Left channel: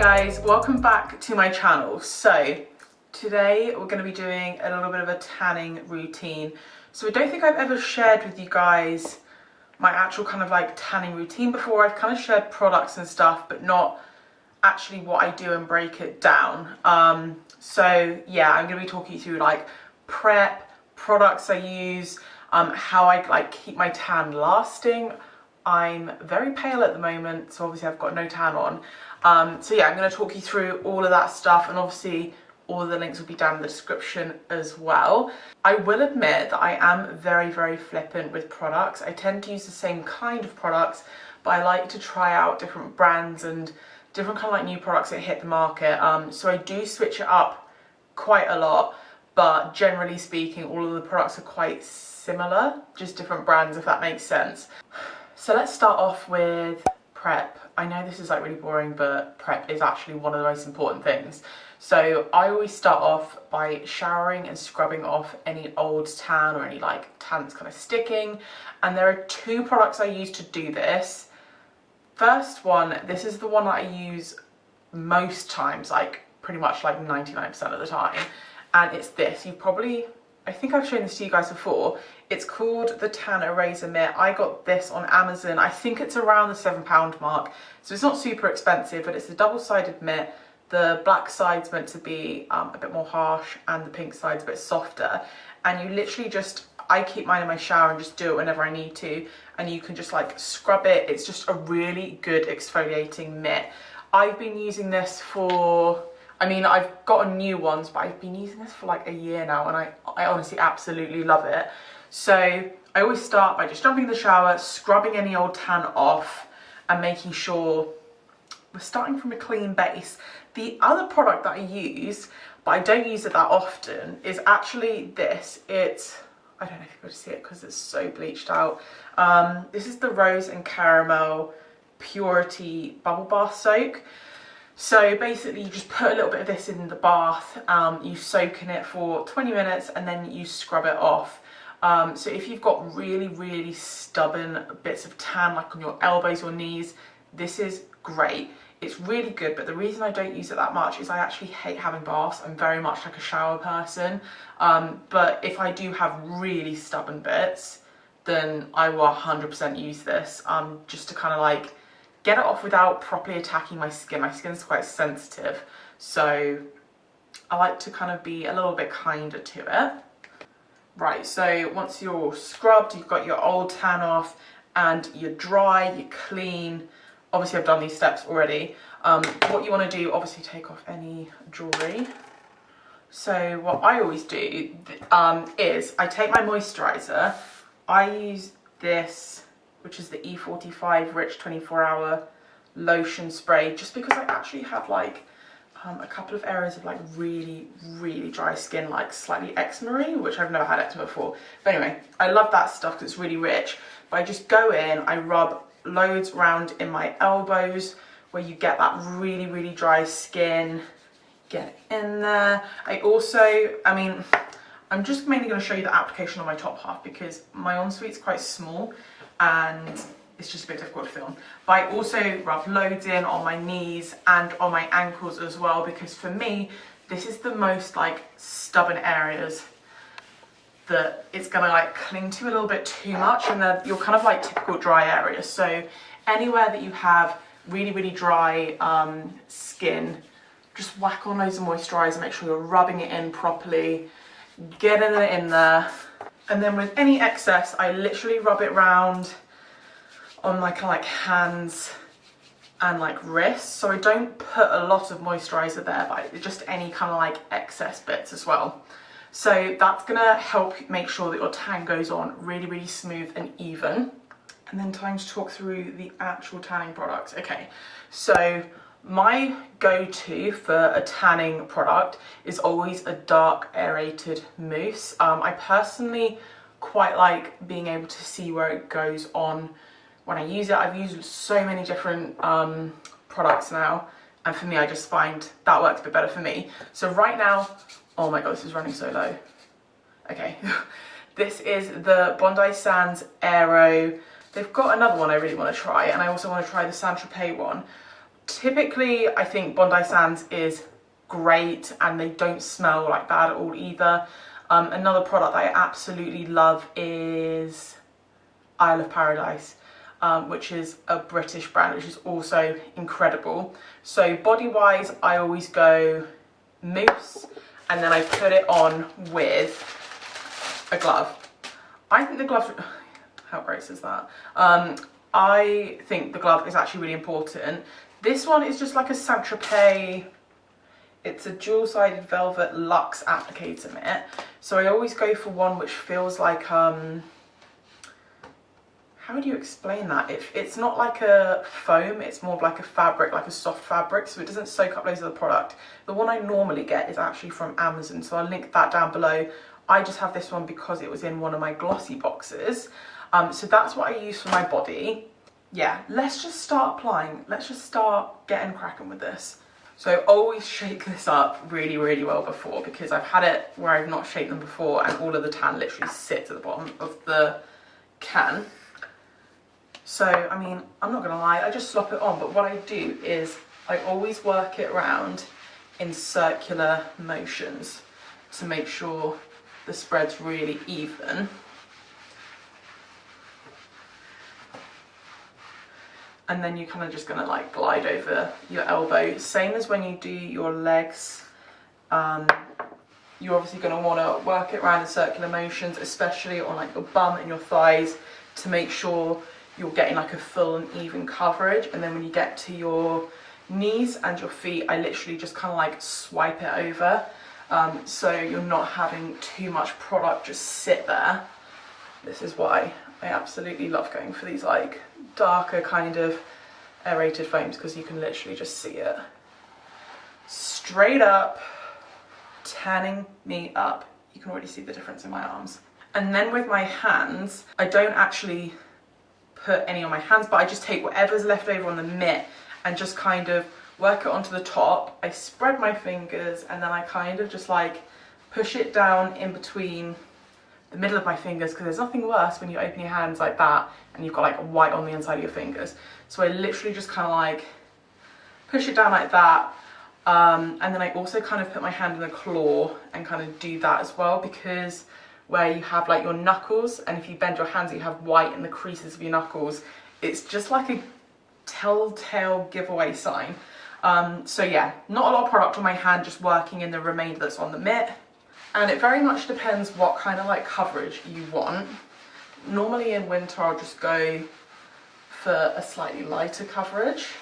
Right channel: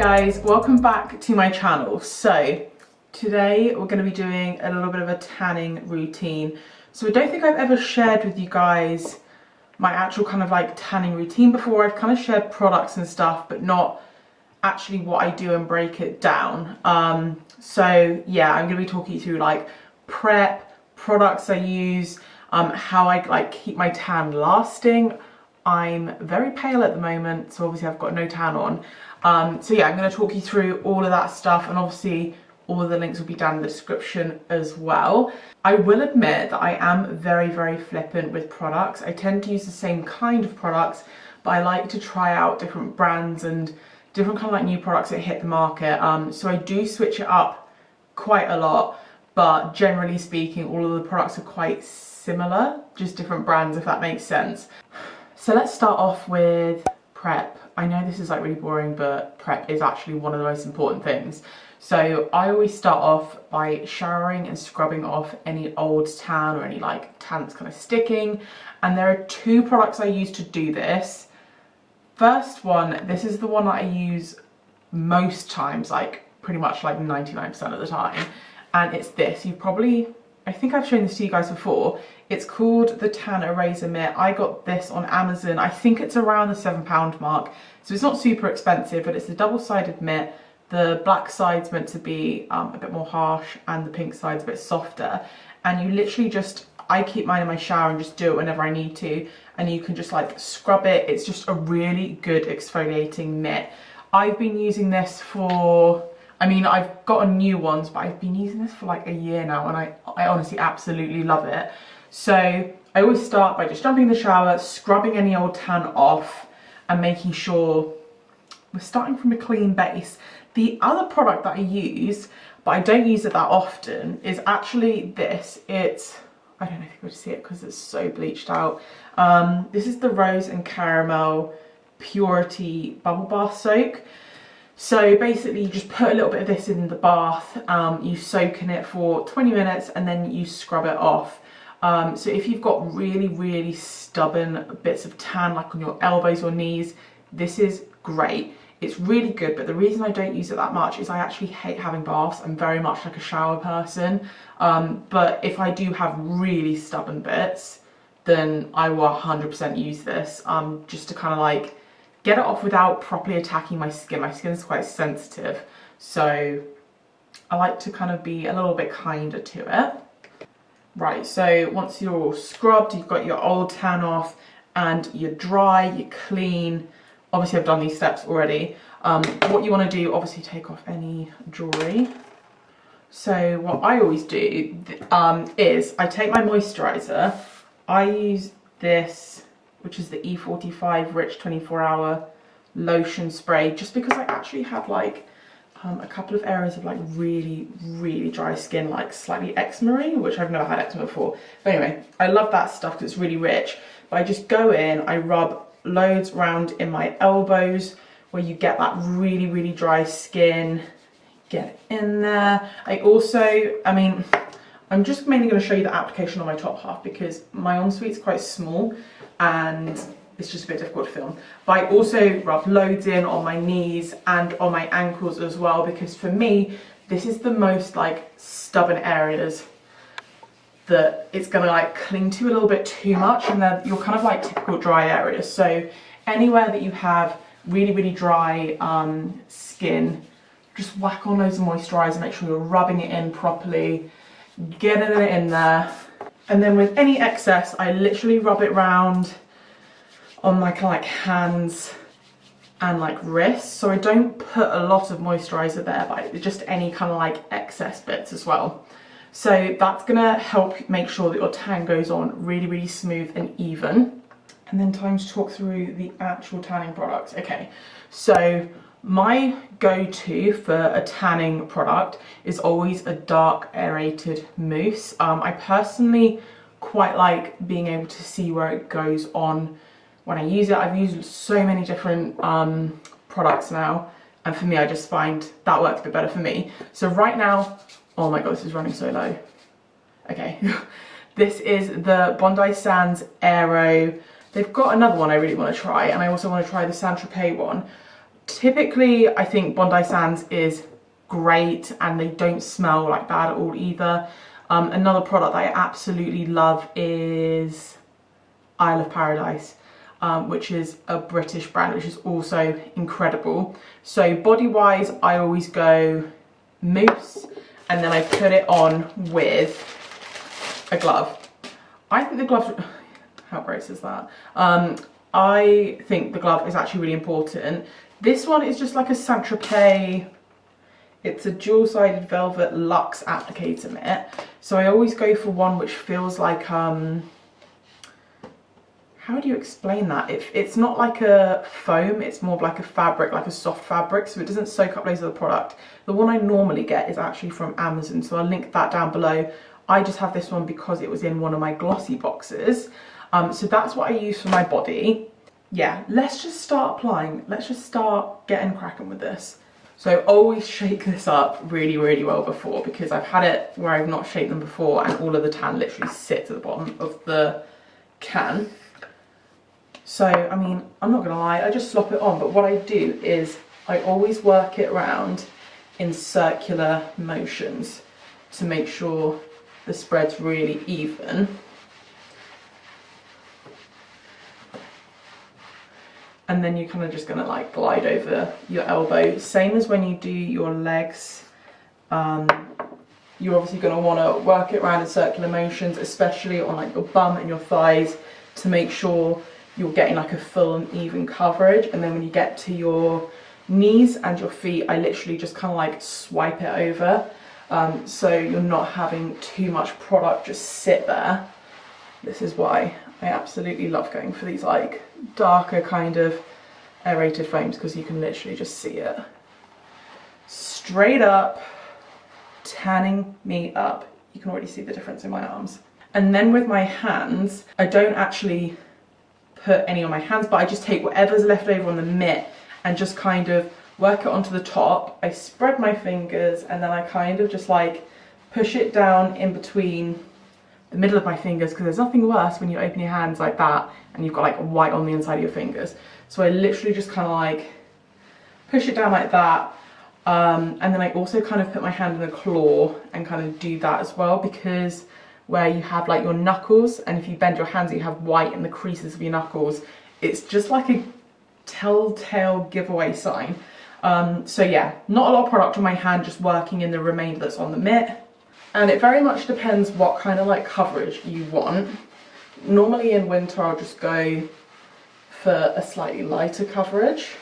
guys, welcome back to my channel. So today we're going to be doing a little bit of a tanning routine. So I don't think I've ever shared with you guys my actual kind of like tanning routine before. I've kind of shared products and stuff, but not actually what I do and break it down. So yeah, I'm going to be talking you through like prep, products I use, how I like keep my tan lasting. I'm very pale at the moment, so obviously I've got no tan on. So yeah, I'm going to talk you through all of that stuff, and obviously all of the links will be down in the description as well. I will admit that I am very flippant with products. I tend to use the same kind of products, but I like to try out different brands and different kind of like new products that hit the market. So I do switch it up quite a lot, but generally speaking, all of the products are quite similar, just different brands, if that makes sense. So let's start off with prep. I know this is like really boring, but prep is actually one of the most important things. So I always start off by showering and scrubbing off any old tan or any like tan that's kind of sticking. And there are two products I use to do this. First one, this is the one that I use most times, like pretty much like 99% of the time. And it's this. I think I've shown this to you guys before. It's called the Tan Eraser Mitt. I got this on Amazon. I think it's around the £7 mark. So it's not super expensive, but it's a double-sided mitt. The black side's meant to be a bit more harsh and the pink side's a bit softer. And you literally I keep mine in my shower and just do it whenever I need to. And you can just like scrub it. It's just a really good exfoliating mitt. I've been using this for, I mean, I've gotten new ones, but I've been using this for like a year now, and I honestly absolutely love it. So I always start by just jumping in the shower, scrubbing any old tan off, and making sure we're starting from a clean base. The other product that I use, but I don't use it that often, is actually this. I don't know if you can see it because it's so bleached out. This is the Rose and Caramel Purity Bubble Bath Soak. So basically you just put a little bit of this in the bath, you soak in it for 20 minutes and then you scrub it off. So if you've got really stubborn bits of tan like on your elbows or knees, this is great. It's really good, but the reason I don't use it that much is I actually hate having baths. I'm very much like a shower person, but if I do have really stubborn bits, then I will 100% use this, just to kind of like get it off without properly attacking my skin. My skin is quite sensitive, so I like to kind of be a little bit kinder to it. Right, so once you're all scrubbed, you've got your old tan off and you're dry, you're clean. Obviously I've done these steps already. What you want to do, obviously take off any jewellery. So what I always do is I take my moisturiser. I use this, which is the E45 Rich 24-hour lotion spray, just because I actually have like a couple of areas of like really dry skin, like slightly eczema-y, which I've never had eczema before. But anyway, I love that stuff because it's really rich. But I just go in, I rub loads around in my elbows where you get that really dry skin. Get it in there. I'm just mainly going to show you the application on my top half because my ensuite's quite small and it's just a bit difficult to film. But I also rub loads in on my knees and on my ankles as well, because for me, this is the most like stubborn areas that it's going to like cling to a little bit too much, and then you're kind of like typical dry areas. So anywhere that you have really dry skin, just whack on loads of moisturiser, make sure you're rubbing it in properly, getting it in there. And then with any excess, I literally rub it around on my kind of like hands and like wrists. So I don't put a lot of moisturiser there, but just any kind of like excess bits as well. So that's gonna help make sure that your tan goes on really smooth and even. And then time to talk through the actual tanning products. Okay, so my go-to for a tanning product is always a dark aerated mousse. I personally quite like being able to see where it goes on when I use it. I've used so many different products now, and for me, I just find that works a bit better for me. So right now, oh my god, this is running so low. Okay, this is the Bondi Sands Aero. They've got another one I really want to try, and I also want to try the Tropez one. Typically, I think Bondi Sands is great and they don't smell like bad at all either. Another product that I absolutely love is Isle of Paradise, which is a British brand, which is also incredible. So body wise, I always go mousse and then I put it on with a glove. I think the gloves, how gross is that? I think the glove is actually really important. This one is just like a Saint Tropez. It's a dual-sided velvet luxe applicator mitt. So I always go for one which feels like, how would you explain that? It's not like a foam, it's more of like a fabric, like a soft fabric, so it doesn't soak up loads of the product. The one I normally get is actually from Amazon, so I'll link that down below. I just have this one because it was in one of my glossy boxes. So that's what I use for my body. Yeah, let's just start applying. Let's just start getting cracking with this. So always shake this up really, really well before, because I've had it where I've not shaken them before and all of the tan literally sits at the bottom of the can. So, I mean, I'm not gonna lie, I just slop it on, but what I do is I always work it around in circular motions to make sure the spread's really even. And then you're kind of just gonna like glide over your elbow. Same as when you do your legs. You're obviously gonna wanna work it around in circular motions, especially on like your bum and your thighs, to make sure you're getting like a full and even coverage. And then when you get to your knees and your feet, I literally just kind of like swipe it over. So you're not having too much product just sit there. This is why I absolutely love going for these like darker kind of aerated foams, because you can literally just see it. Straight up, tanning me up. You can already see the difference in my arms. And then with my hands, I don't actually put any on my hands, but I just take whatever's left over on the mitt and just kind of work it onto the top. I spread my fingers and then I kind of just like push it down in between the middle of my fingers, because there's nothing worse when you open your hands like that and you've got like white on the inside of your fingers. So I literally just kind of like push it down like that. And then I also kind of put my hand in the claw and kind of do that as well, because where you have like your knuckles, and if you bend your hands you have white in the creases of your knuckles, it's just like a telltale giveaway sign. So yeah, not a lot of product on my hand, just working in the remainder that's on the mitt. And it very much depends what kind of like coverage you want. Normally in winter I'll just go for a slightly lighter coverage,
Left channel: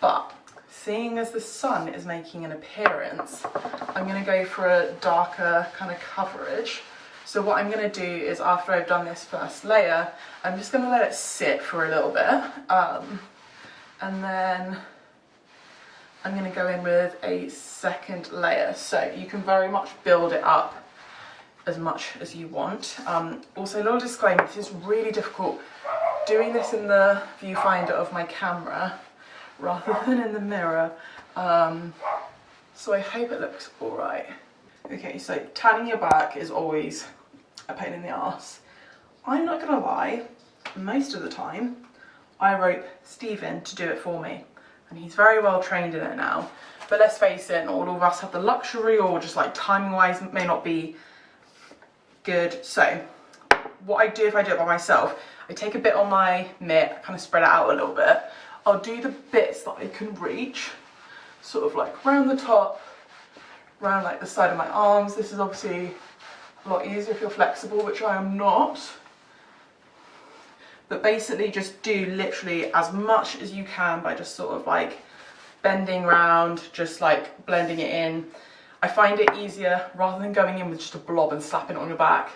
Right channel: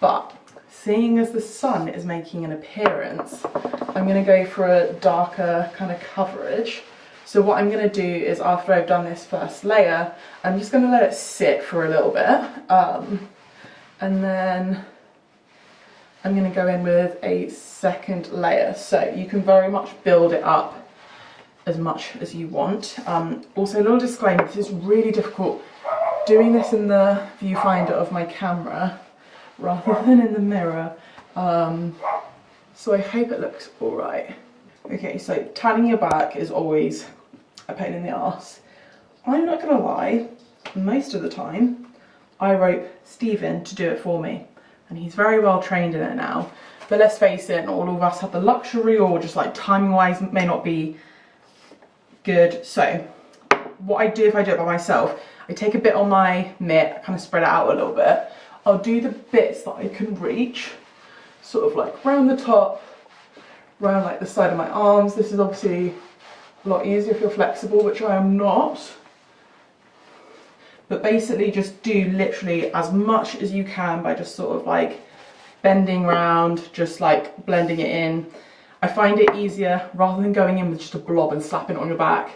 but seeing as the sun is making an appearance, I'm going to go for a darker kind of coverage. So what I'm going to do is, after I've done this first layer, I'm just going to let it sit for a little bit, and then I'm going to go in with a second layer. So you can very much build it up as much as you want. Also, a little disclaimer, this is really difficult doing this in the viewfinder of my camera rather than in the mirror. So I hope it looks alright. Okay, so tanning your back is always a pain in the arse. I'm not gonna lie, most of the time I rope Steve in to do it for me, and he's very well trained in it now. But let's face it, not all of us have the luxury, or just like timing wise may not be good. So what I do if I do it by myself, I take a bit on my mitt, kind of spread it out a little bit. I'll do the bits that I can reach, sort of like round the top, round like the side of my arms. This is obviously a lot easier if you're flexible, which I am not. But basically just do literally as much as you can by just sort of like bending round, just like blending it in. I find it easier rather than going in with just a blob and slapping it on your back,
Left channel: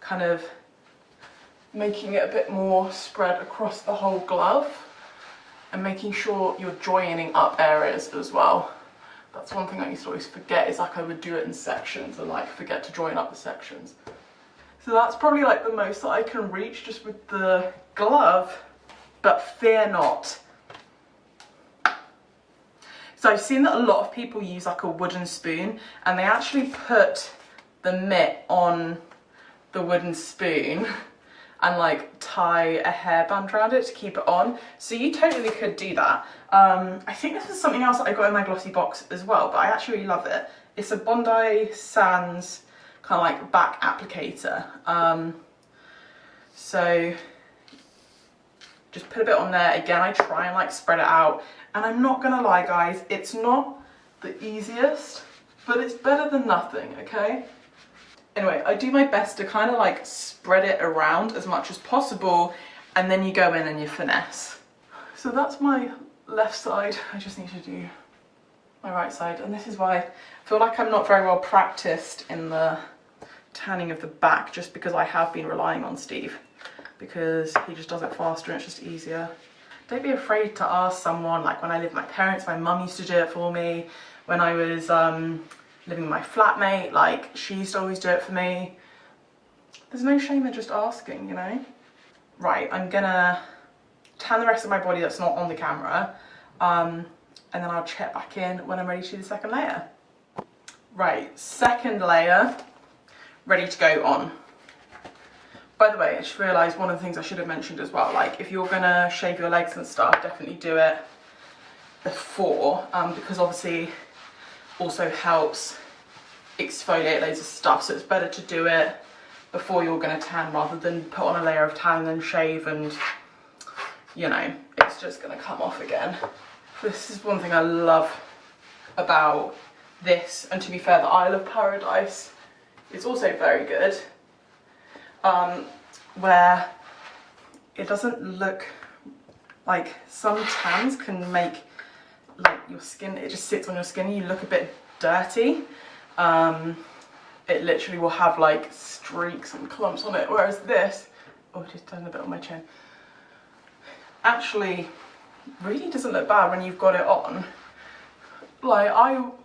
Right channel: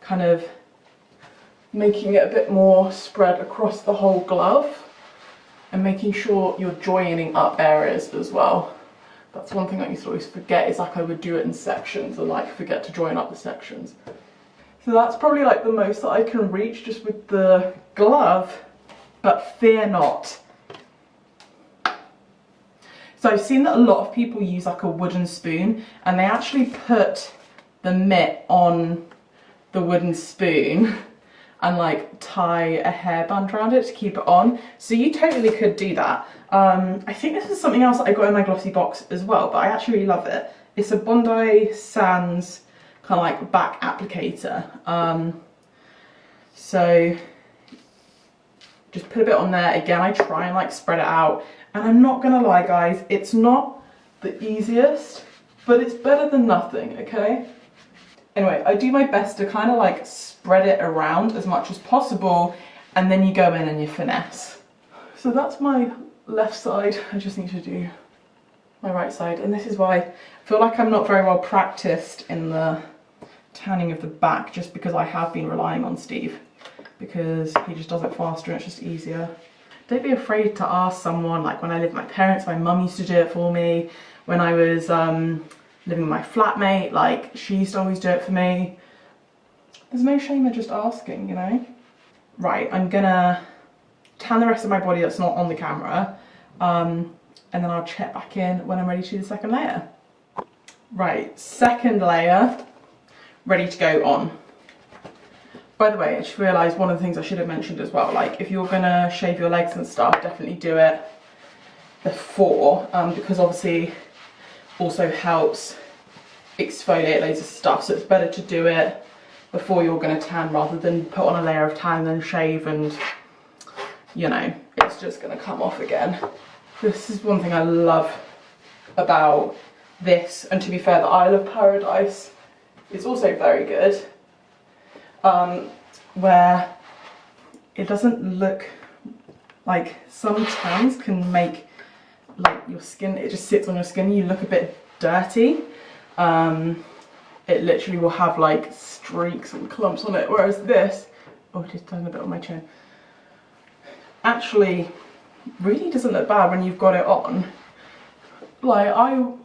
kind of making it a bit more spread across the whole glove and making sure you're joining up areas as well. That's one thing I used to always forget, is like I would do it in sections and like forget to join up the sections. So that's probably like the most that I can reach just with the glove, but fear not. So I've seen that a lot of people use like a wooden spoon, and they actually put the mitt on the wooden spoon and like tie a hairband around it to keep it on. So you totally could do that. I think this is something else that I got in my glossy box as well, but I actually really love it. It's a Bondi Sands kind of like back applicator. So just put a bit on there. Again, I try and like spread it out, and I'm not gonna lie guys, it's not the easiest, but it's better than nothing, okay? Anyway, I do my best to kind of like spread it around as much as possible, and then you go in and you finesse. So that's my left side. I just need to do my right side, and this is why I feel like I'm not very well practiced in the tanning of the back, just because I have been relying on Steve, because he just does it faster and it's just easier. Don't be afraid to ask someone. Like when I lived with my parents, my mum used to do it for me. When I was living with my flatmate, like she used to always do it for me. There's no shame in just asking, you know? Right, I'm gonna tan the rest of my body that's not on the camera, and then I'll check back in when I'm ready to do the second layer. Right, second layer, ready to go on. By the way, I just realised one of the things I should have mentioned as well, like if you're gonna shave your legs and stuff, definitely do it before, because obviously also helps exfoliate loads of stuff, so it's better to do it before you're going to tan rather than put on a layer of tan and then shave, and you know, it's just going to come off again. This is one thing I love about this, and to be fair, the Isle of Paradise is also very good, where it doesn't look like some tans can make like your skin, it just sits on your skin, you look a bit dirty. It literally will have like streaks and clumps on it, whereas this, oh, it just done a bit on my chin, actually really doesn't look bad when you've got it on. Like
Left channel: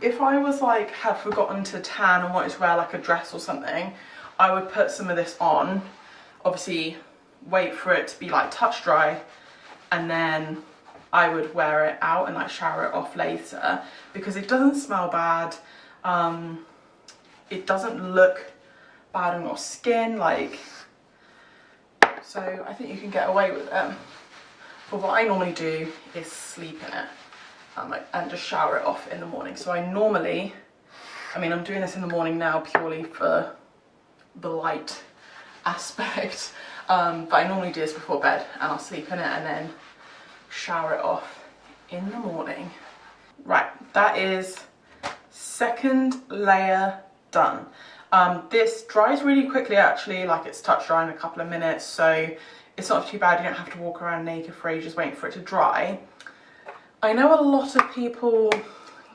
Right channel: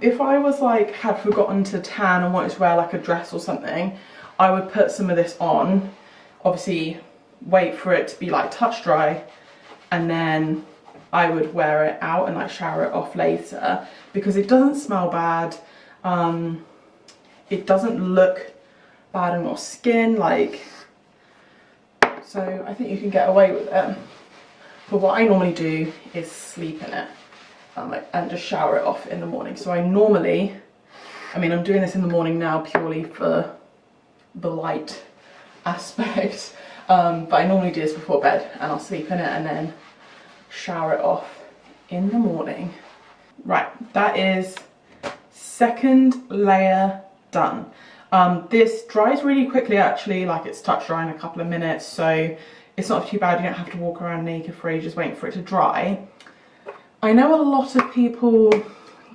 if I was like had forgotten to tan and wanted to wear like a dress or something, I would put some of this on, obviously wait for it to be like touch dry, and then I would wear it out and like shower it off later, because it doesn't smell bad, it doesn't look bad on your skin, like, so I think you can get away with it. But what I normally do is sleep in it, and just shower it off in the morning. So I normally, I mean I'm doing this in the morning now purely for the light aspect, but I normally do this before bed, and I'll sleep in it and then shower it off in the morning. Right, that is second layer done. This dries really quickly actually, like it's touch dry in a couple of minutes, so it's not too bad. You don't have to walk around naked for ages waiting for it to dry. I know a lot of people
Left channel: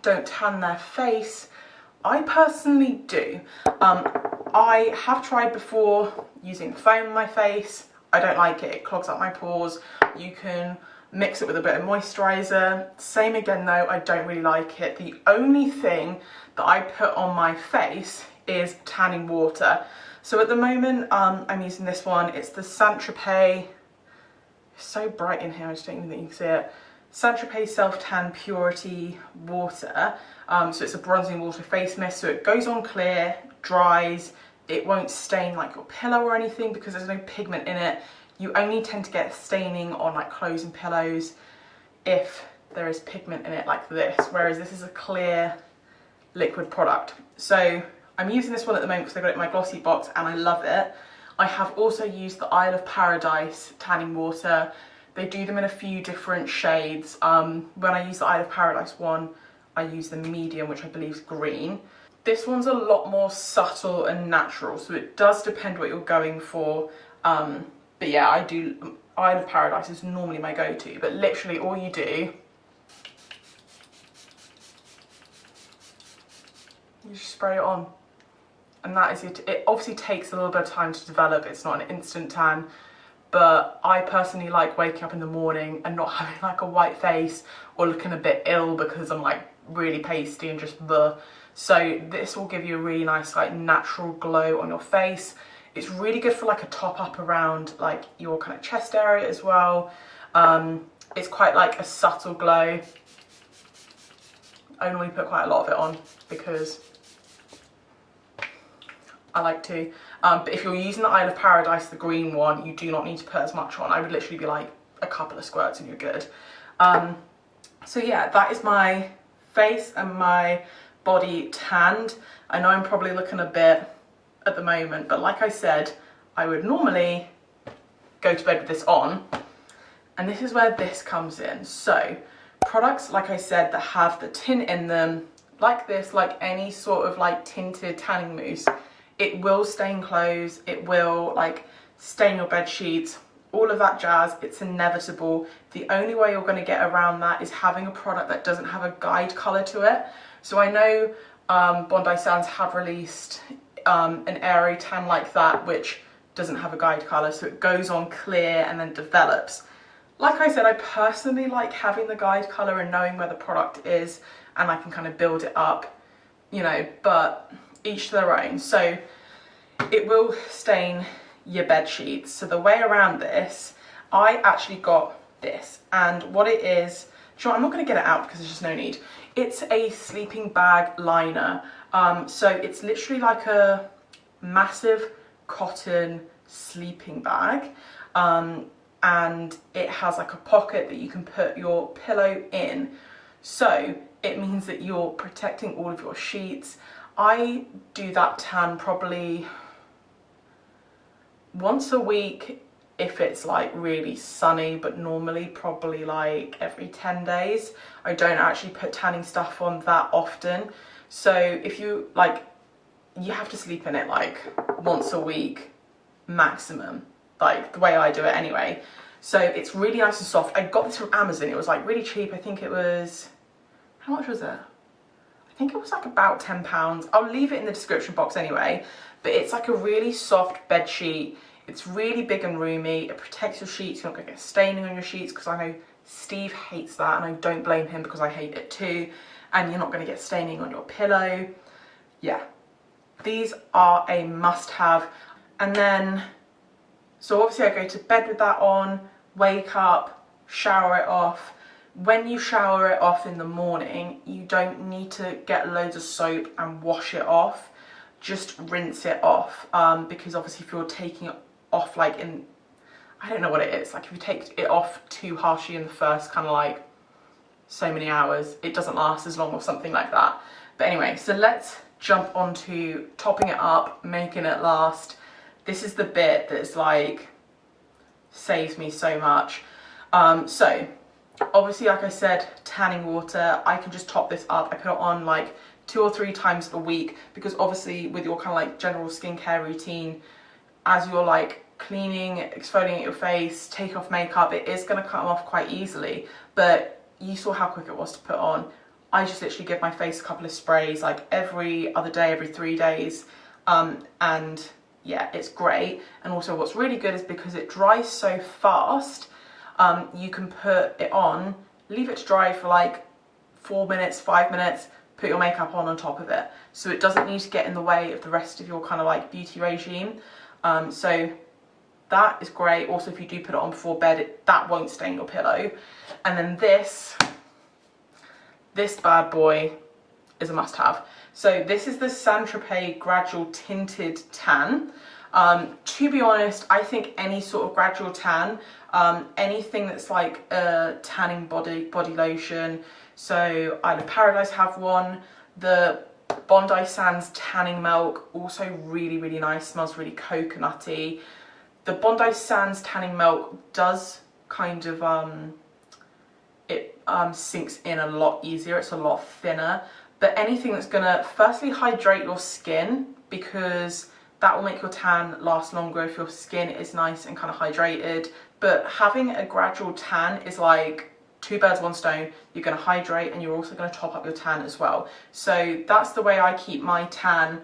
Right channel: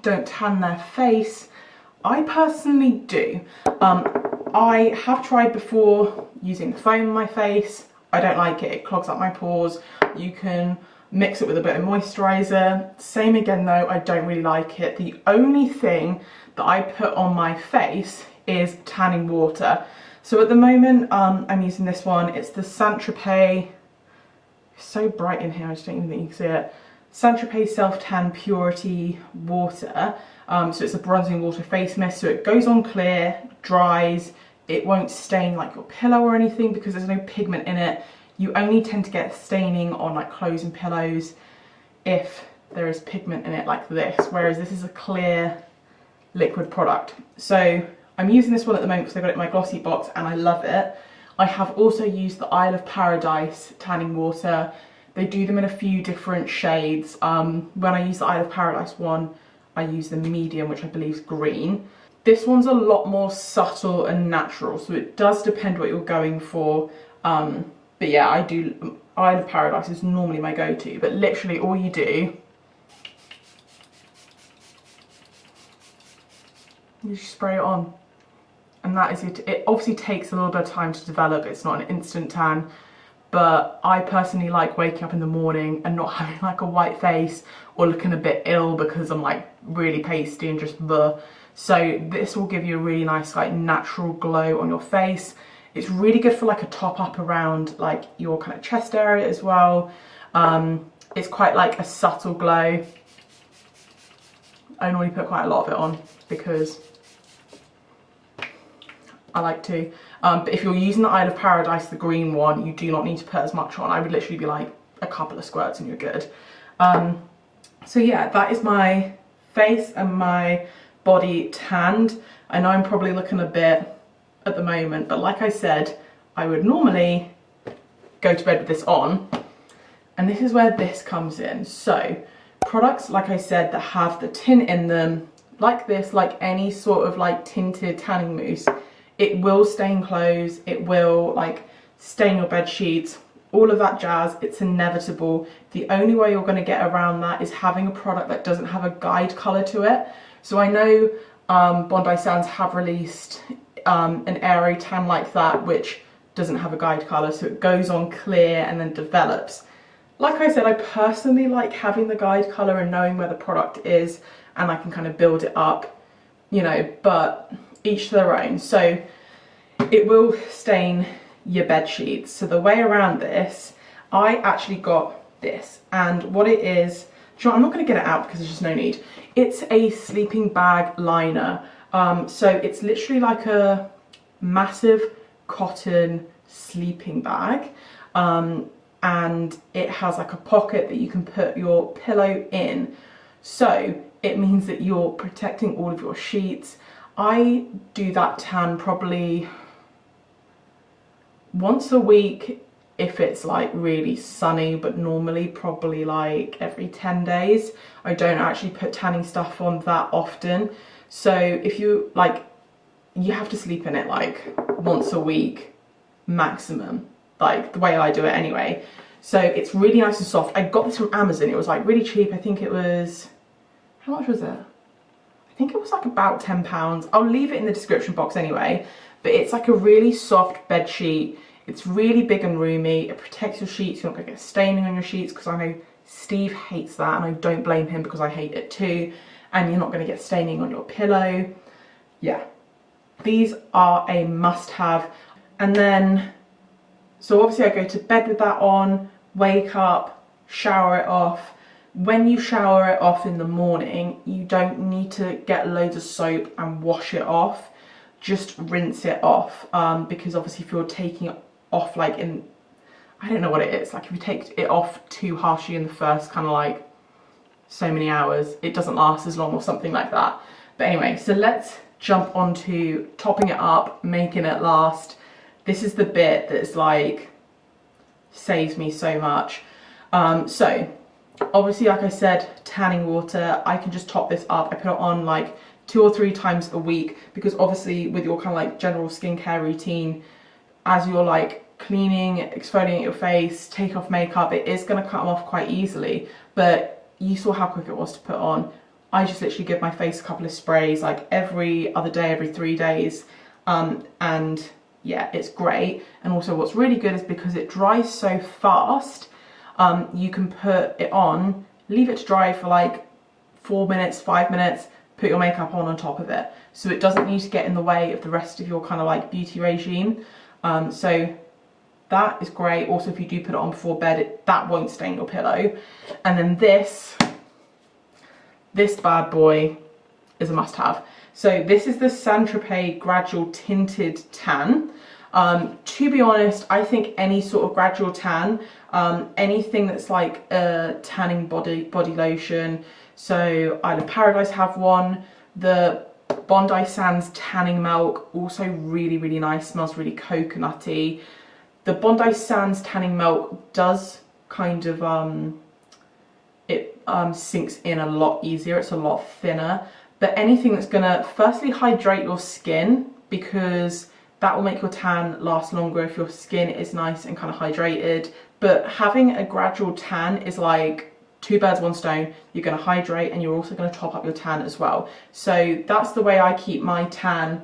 don't tan their face. I personally do. I have tried before using foam on my face. I don't like it, it clogs up my pores. You can mix it with a bit of moisturiser. Same again though, I don't really like it. The only thing that I put on my face is tanning water. So at the moment I'm using this one. It's the Tropez, it's so bright in here I just don't even think you can see it. Tropez Self Tan Purity Water. So it's a bronzing water face mist, so it goes on clear, dries, it won't stain like your pillow or anything because there's no pigment in it. You only tend to get staining on like clothes and pillows if there is pigment in it like this, whereas this is a clear liquid product. So I'm using this one at the moment because I got it in my glossy box and I love it. I have also used the Isle of Paradise tanning water. They do them in a few different shades. When I use the Isle of Paradise one, I use the medium, which I believe is green. This one's a lot more subtle and natural, so it does depend what you're going for. But yeah, I do, Isle of Paradise is normally my go-to, but literally all you do, you just spray it on. And that is it. It obviously takes a little bit of time to develop. It's not an instant tan, but I personally like waking up in the morning and not having like a white face or looking a bit ill because I'm like really pasty and just bleh. So this will give you a really nice like natural glow on your face. It's really good for like a top up around like your kind of chest area as well. It's quite like a subtle glow. I normally put quite a lot of it on because I like to. But if you're using the Isle of Paradise, the green one, you do not need to put as much on. I would literally be like a couple of squirts and you're good. So yeah, that is my face and my body tanned. I know I'm probably looking a bit at the moment, but like I said, I would normally go to bed with this on, and this is where this comes in. So products, like I said, that have the tint in them, like this, like any sort of like tinted tanning mousse, it will stain clothes, it will like stain your bed sheets, all of that jazz. It's inevitable. The only way you're going to get around that is having a product that doesn't have a guide colour to it. So I know Bondi Sands have released an aero tan like that, which doesn't have a guide colour, so it goes on clear and then develops. Like I said, I personally like having the guide colour and knowing where the product is, and I can kind of build it up, you know, but each to their own. So it will stain your bed sheets. So the way around this, I actually got this, and what it is, do you know, I'm not going to get it out because there's just no need. It's a sleeping bag liner. So it's literally like a massive cotton sleeping bag, and it has like a pocket that you can put your pillow in. So it means that you're protecting all of your sheets. I do that tan probably once a week if it's like really sunny, but normally probably like every 10 days. I don't actually put tanning stuff on that often. So if you like, you have to sleep in it like once a week maximum, like the way I do it anyway. So it's really nice and soft. I got this from Amazon. It was like really cheap. I think it was, how much was it? I think it was like about £10. I'll leave it in the description box anyway, but it's like a really soft bed sheet. It's really big and roomy. It protects your sheets. You're not gonna get staining on your sheets, because I know Steve hates that, and I don't blame him because I hate it too. And you're not gonna get staining on your pillow. Yeah, these are a must-have. And then, so obviously I go to bed with that on, wake up, shower it off. When you shower it off in the morning, you don't need to get loads of soap and wash it off. Just rinse it off, because obviously if you're taking it off like in, I don't know what it is, like if you take it off too harshly in the first kind of like so many hours, it doesn't last as long or something like that. But anyway, so let's jump onto topping it up, making it last. This is the bit that is like, saves me so much. So obviously, like I said, tanning water, I can just top this up. I put it on like 2 or 3 times a week, because obviously with your kind of like general skincare routine, as you're like cleaning, exfoliating your face, take off makeup, it is going to come off quite easily. But you saw how quick it was to put on. I just literally give my face a couple of sprays like every other day, every 3 days, and yeah, it's great. And also what's really good is because it dries so fast, you can put it on, leave it to dry for like 4 minutes, 5 minutes, put your makeup on top of it. So it doesn't need to get in the way of the rest of your kind of like beauty regime. So that is great. Also, if you do put it on before bed, that won't stain your pillow. And then this bad boy is a must-have. So this is the Tropez Gradual Tinted Tan. To be honest, I think any sort of gradual tan, anything that's like a tanning body lotion. So Isle of Paradise have one. The Bondi Sands tanning milk, also really, really nice, smells really coconutty. The Bondi Sands tanning milk does kind of, it sinks in a lot easier, it's a lot thinner. But anything that's gonna firstly hydrate your skin, because that will make your tan last longer if your skin is nice and kind of hydrated. But having a gradual tan is like 2 birds, 1 stone. You're going to hydrate and you're also going to top up your tan as well. So that's the way I keep my tan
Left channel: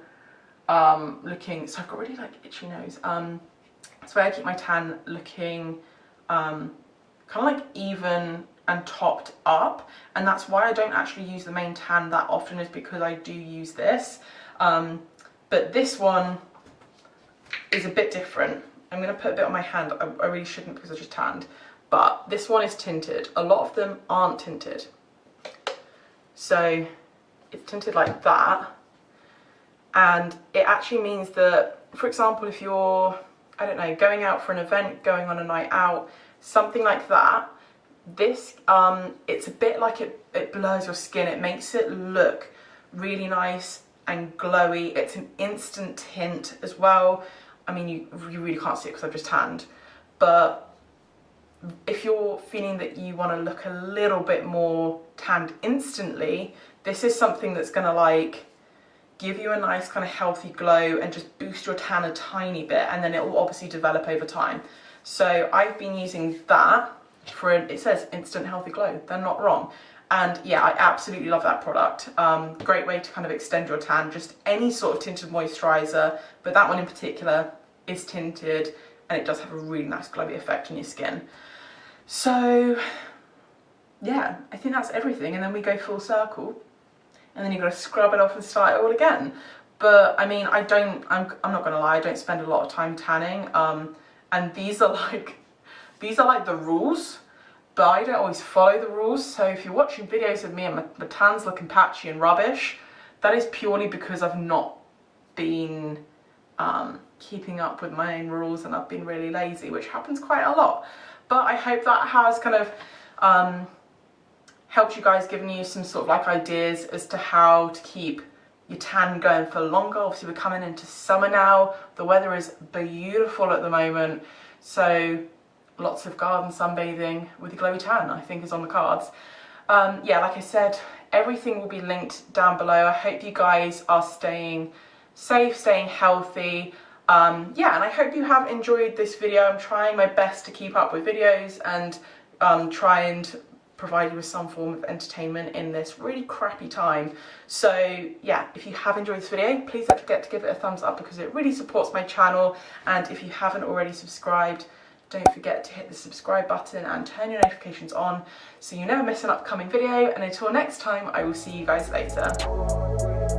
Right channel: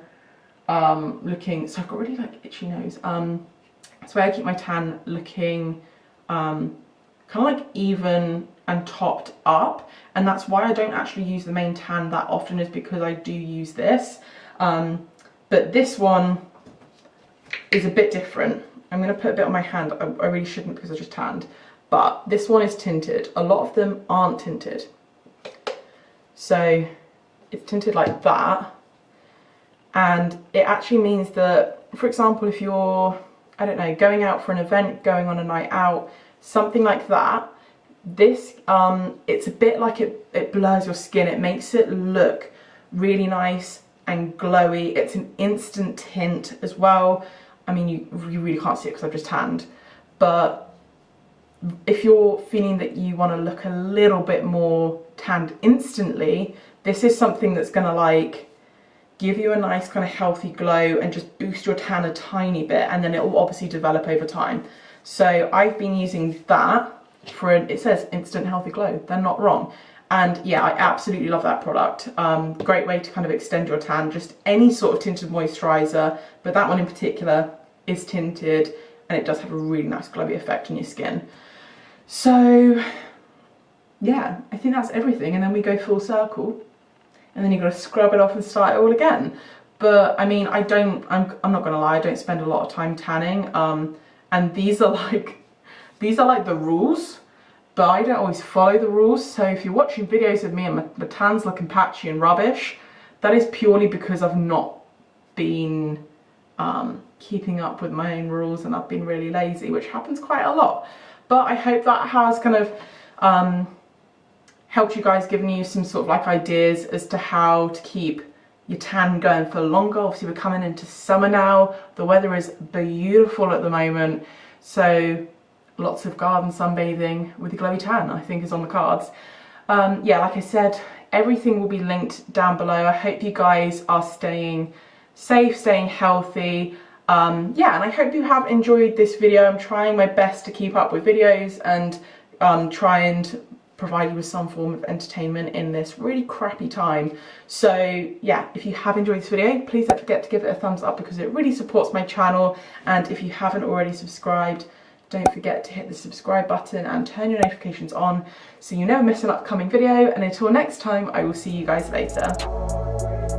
looking. So I've got really like itchy nose. That's the way I keep my tan looking kind of like even and topped up. And that's why I don't actually use the main tan that often, is because I do use this. But this one is a bit different. I'm going to put a bit on my hand. I really shouldn't because I just tanned. But this one is tinted. A lot of them aren't tinted. So it's tinted like that. And it actually means that for example, if you're, I don't know, going out for an event, going on a night out, something like that, this, it's a bit like it blurs your skin. It makes it look really nice and glowy. It's an instant tint as well. I mean, you really can't see it because I've just tanned, but if you're feeling that you want to look a little bit more tanned instantly, this is something that's going to like give you a nice kind of healthy glow and just boost your tan a tiny bit, and then it will obviously develop over time. So I've been using that for it says instant healthy glow. They're not wrong. And yeah, I absolutely love that product. Great way to kind of extend your tan, just any sort of tinted moisturizer, but that one in particular is tinted and it does have a really nice glowy effect on your skin. So yeah, I think that's everything. And then we go full circle and then you've got to scrub it off and start it all again. But I mean, I'm not gonna lie, I don't spend a lot of time tanning. And these are like the rules, but I don't always follow the rules. So if you're watching videos of me and my tan's looking patchy and rubbish, that is purely because I've not been keeping up with my own rules and I've been really lazy, which happens quite a lot. But I hope that has kind of helped you guys, given you some sort of like ideas as to how to keep your tan going for longer. Obviously we're coming into summer now. The weather is beautiful at the moment. So lots of garden sunbathing with a glowy tan, I think, is on the cards. Yeah, like I said, everything will be linked down below. I hope you guys are staying safe, staying healthy. Yeah, and I hope you have enjoyed this video. I'm trying my best to keep up with videos and try and provide you with some form of entertainment in this really crappy time. So yeah, if you have enjoyed this video, please don't forget to give it a thumbs up because it really supports my channel. And if you haven't already subscribed, don't forget to hit the subscribe button and turn your notifications on so you never miss an upcoming video. And until next time, I will see you guys later.